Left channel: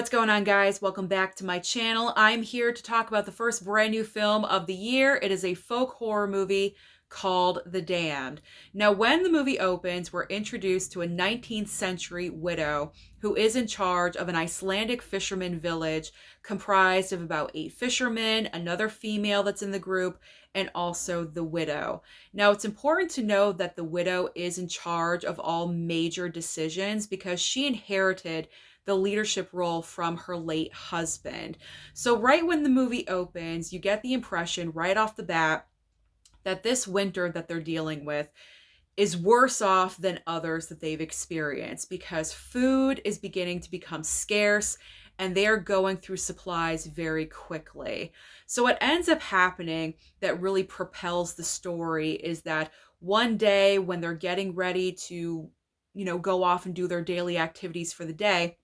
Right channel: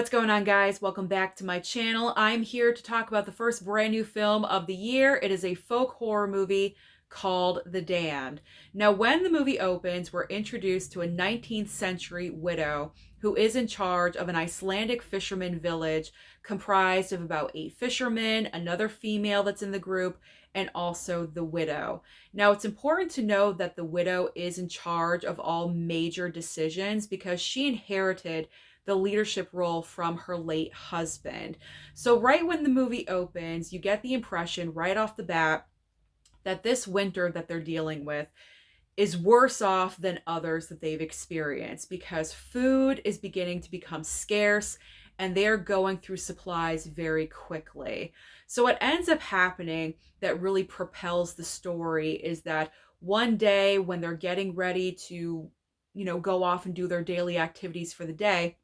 What's going on, guys? Welcome back to my channel. I'm here to talk about the first brand new film of the year. It is a folk horror movie called The Damned. Now, when the movie opens, we're introduced to a 19th century widow who is in charge of an Icelandic fisherman village comprised of about 8 fishermen, another female that's in the group, and also the widow. Now, it's important to know that the widow is in charge of all major decisions because she inherited the leadership role from her late husband. So, right when the movie opens, you get the impression right off the bat that this winter that they're dealing with is worse off than others that they've experienced because food is beginning to become scarce and they are going through supplies very quickly. So, what ends up happening that really propels the story is that one day when they're getting ready to, go off and do their daily activities for the day,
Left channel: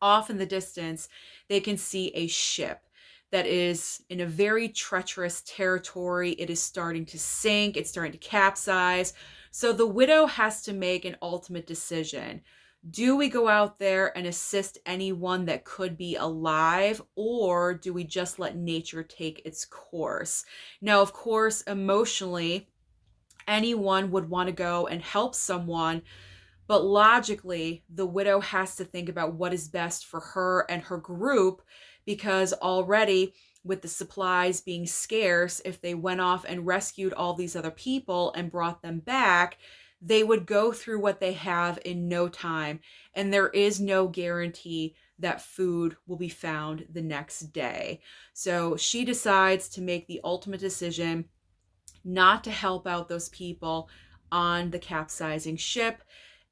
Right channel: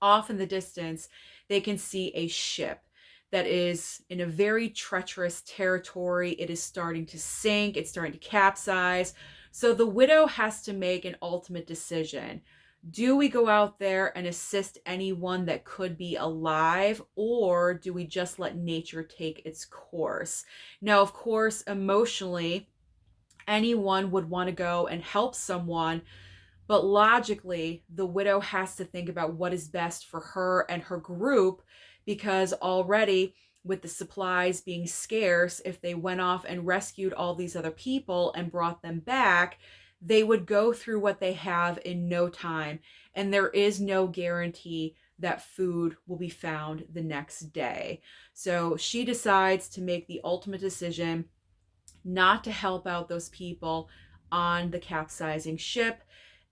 off in the distance, they can see a ship that is in a very treacherous territory. It is starting to sink, it's starting to capsize. So the widow has to make an ultimate decision. Do we go out there and assist anyone that could be alive, or do we just let nature take its course? Now, of course, emotionally, anyone would want to go and help someone, but logically, the widow has to think about what is best for her and her group because already, with the supplies being scarce, if they went off and rescued all these other people and brought them back, they would go through what they have in no time. And there is no guarantee that food will be found the next day. So she decides to make the ultimate decision not to help out those people on the capsizing ship.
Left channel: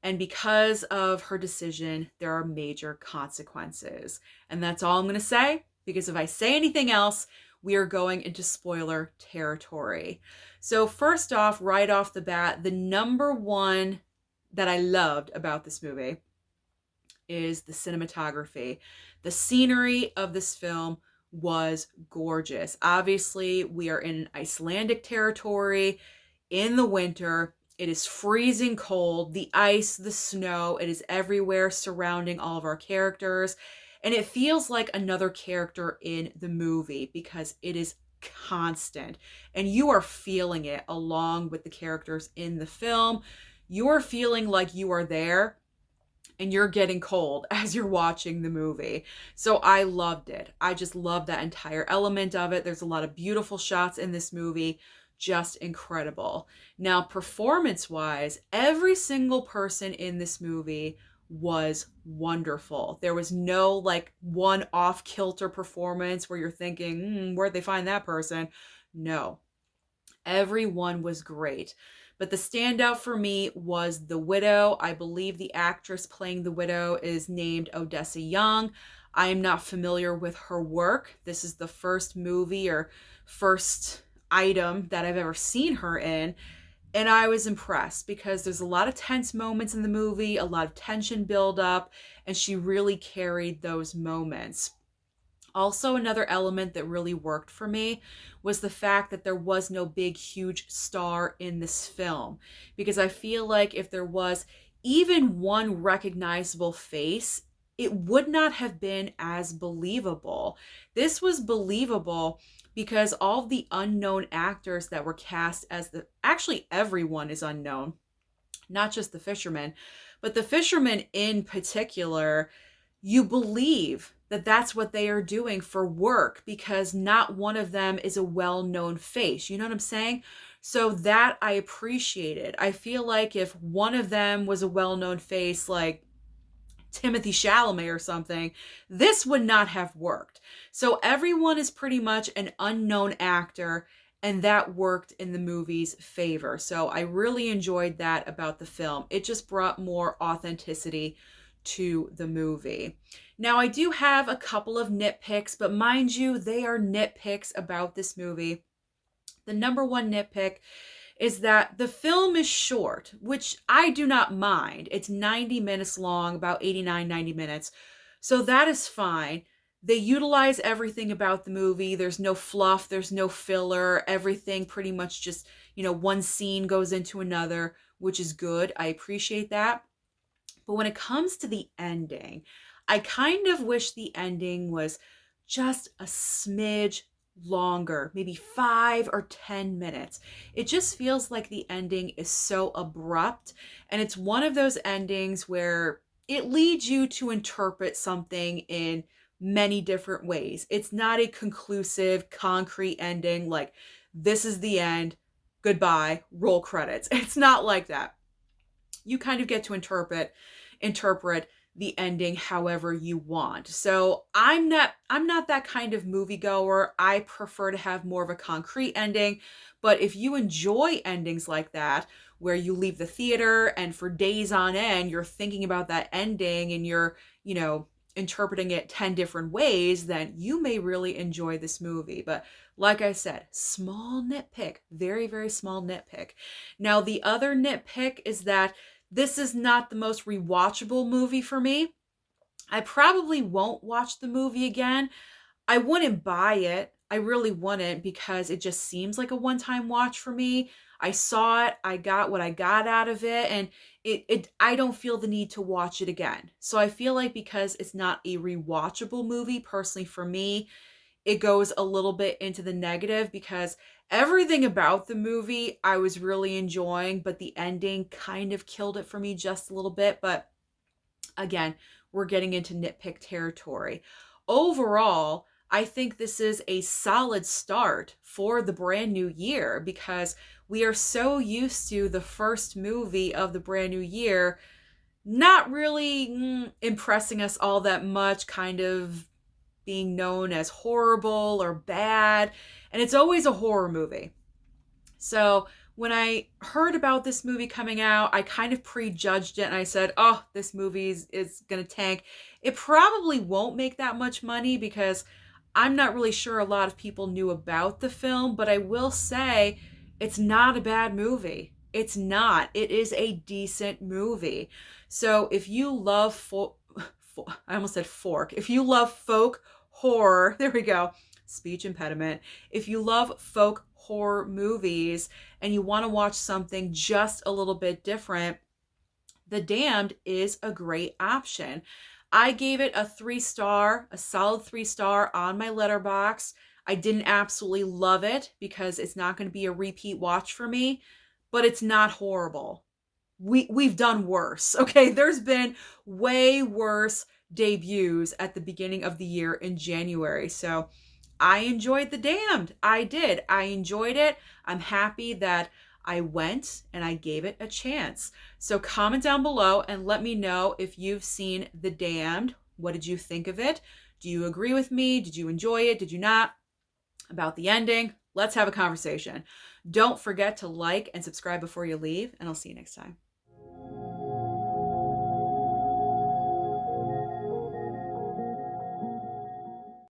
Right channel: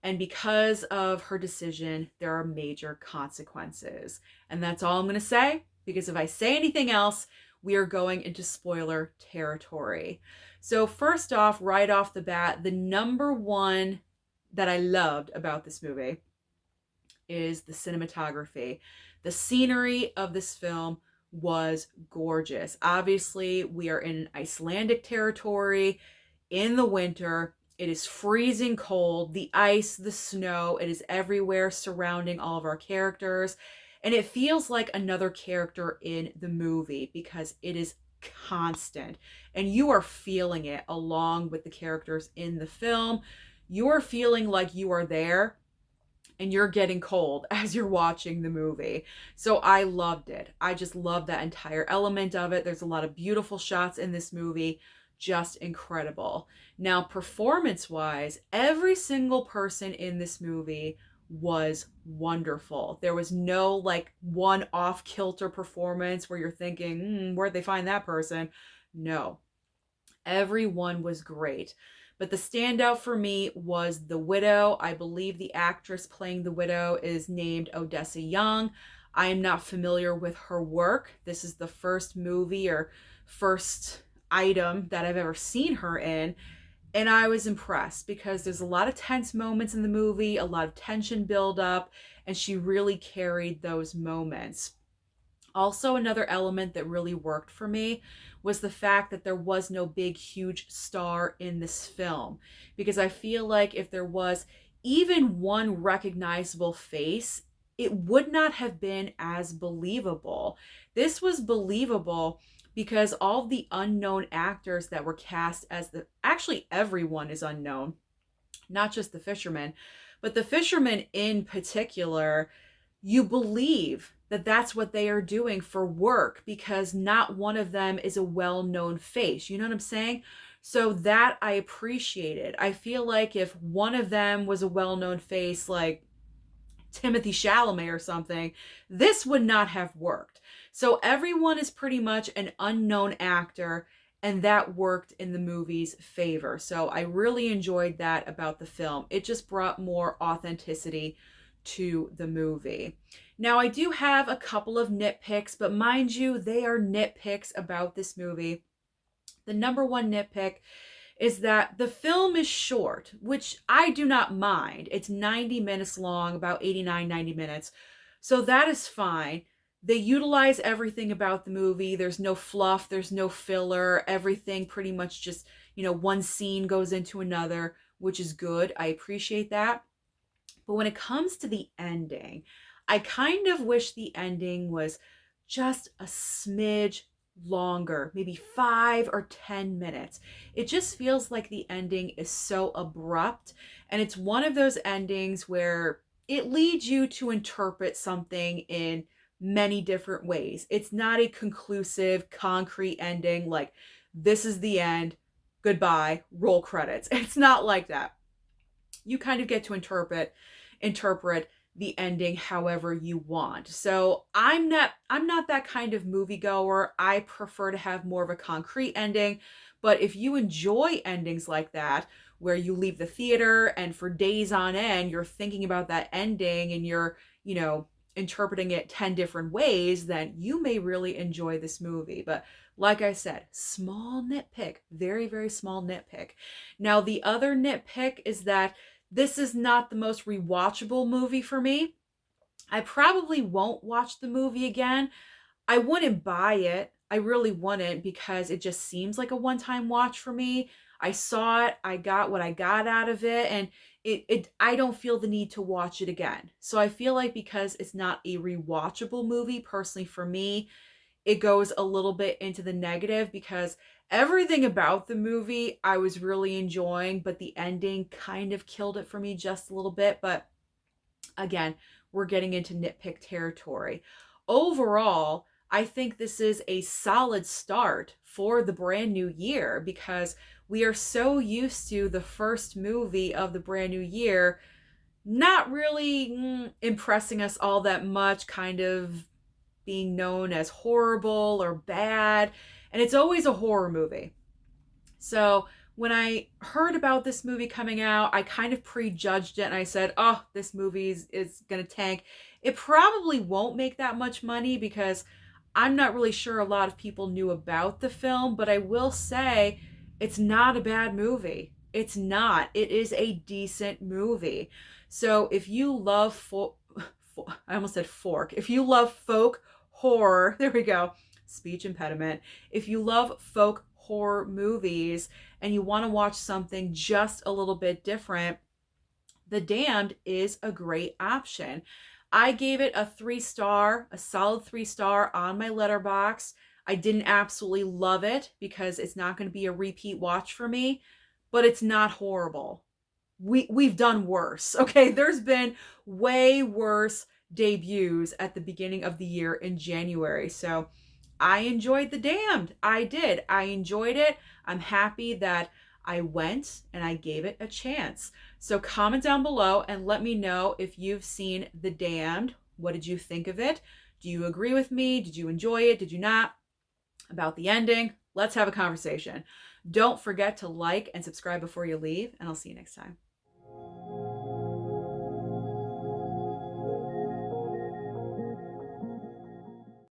And because of her decision, there are major consequences. And that's all I'm going to say, because if I say anything else, we are going into spoiler territory. So, first off, right off the bat, the number one that I loved about this movie is the cinematography. The scenery of this film was gorgeous. Obviously, we are in Icelandic territory in the winter. It is freezing cold. The ice, the snow, it is everywhere surrounding all of our characters. And it feels like another character in the movie because it is constant. And you are feeling it along with the characters in the film. You are feeling like you are there and you're getting cold as you're watching the movie. So I loved it. I just love that entire element of it. There's a lot of beautiful shots in this movie, just incredible. Now, performance wise, every single person in this movie was wonderful. There was no like one off kilter performance where you're thinking, where'd they find that person? No, everyone was great. But the standout for me was the widow. I believe the actress playing the widow is named Odessa Young. I am not familiar with her work. This is the first movie or first item that I've ever seen her in. And I was impressed because there's a lot of tense moments in the movie, a lot of tension build up, and she really carried those moments. Also, another element that really worked for me was the fact that there was no big, huge star in this film. Because I feel like if there was even one recognizable face, it would not have been as believable. This was believable because all the unknown actors that were cast as the actually everyone is unknown, not just the fishermen, but the fishermen in particular, you believe that that's what they are doing for work because not one of them is a well-known face. You know what I'm saying? So that I appreciated. I feel like if one of them was a well-known face like Timothy Chalamet or something, this would not have worked. So everyone is pretty much an unknown actor, and that worked in the movie's favor. So I really enjoyed that about the film. It just brought more authenticity to the movie. Now, I do have a couple of nitpicks, but mind you, they are nitpicks about this movie. The number one nitpick is that the film is short, which I do not mind. It's 90 minutes long, about 89, 90 minutes. So that is fine. They utilize everything about the movie. There's no fluff, there's no filler. Everything pretty much just, one scene goes into another, which is good. I appreciate that. But when it comes to the ending, I kind of wish the ending was just a smidge longer, maybe 5 or 10 minutes. It just feels like the ending is so abrupt, and it's one of those endings where it leads you to interpret something in many different ways. It's not a conclusive, concrete ending like this is the end, goodbye, roll credits. It's not like that. You kind of get to interpret the ending however you want. So I'm not that kind of moviegoer. I prefer to have more of a concrete ending. But if you enjoy endings like that, where you leave the theater and for days on end you're thinking about that ending and you're, interpreting it 10 different ways, then you may really enjoy this movie. But like I said, small nitpick, very, very small nitpick. Now, the other nitpick is that this is not the most rewatchable movie for me. I probably won't watch the movie again. I wouldn't buy it. I really wouldn't, because it just seems like a one-time watch for me. I saw it, I got what I got out of it, and it I don't feel the need to watch it again. So I feel like because it's not a rewatchable movie personally for me, it goes a little bit into the negative, because everything about the movie I was really enjoying, but the ending kind of killed it for me just a little bit. But again, we're getting into nitpick territory. Overall, I think this is a solid start for the brand new year, because we are so used to the first movie of the brand new year not really impressing us all that much, kind of being known as horrible or bad. And it's always a horror movie. So when I heard about this movie coming out, I kind of prejudged it and I said, oh, this movie is going to tank. It probably won't make that much money, because I'm not really sure a lot of people knew about the film, but I will say it's not a bad movie. It's not. It is a decent movie. So if you love, I almost said fork. If you love folk horror, there we go, speech impediment. If you love folk horror movies and you want to watch something just a little bit different, The Damned is a great option. I gave it a 3 star, a solid 3 star on my Letterboxd. I didn't absolutely love it because it's not going to be a repeat watch for me, but it's not horrible. We've done worse. Okay, there's been way worse debuts at the beginning of the year in January. So I enjoyed The Damned. I did. I enjoyed it. I'm happy that I went and I gave it a chance. So comment down below and let me know if you've seen The Damned. What did you think of it? Do you agree with me? Did you enjoy it? Did you not? About the ending? Let's have a conversation. Don't forget to like and subscribe before you leave, and I'll see you next time.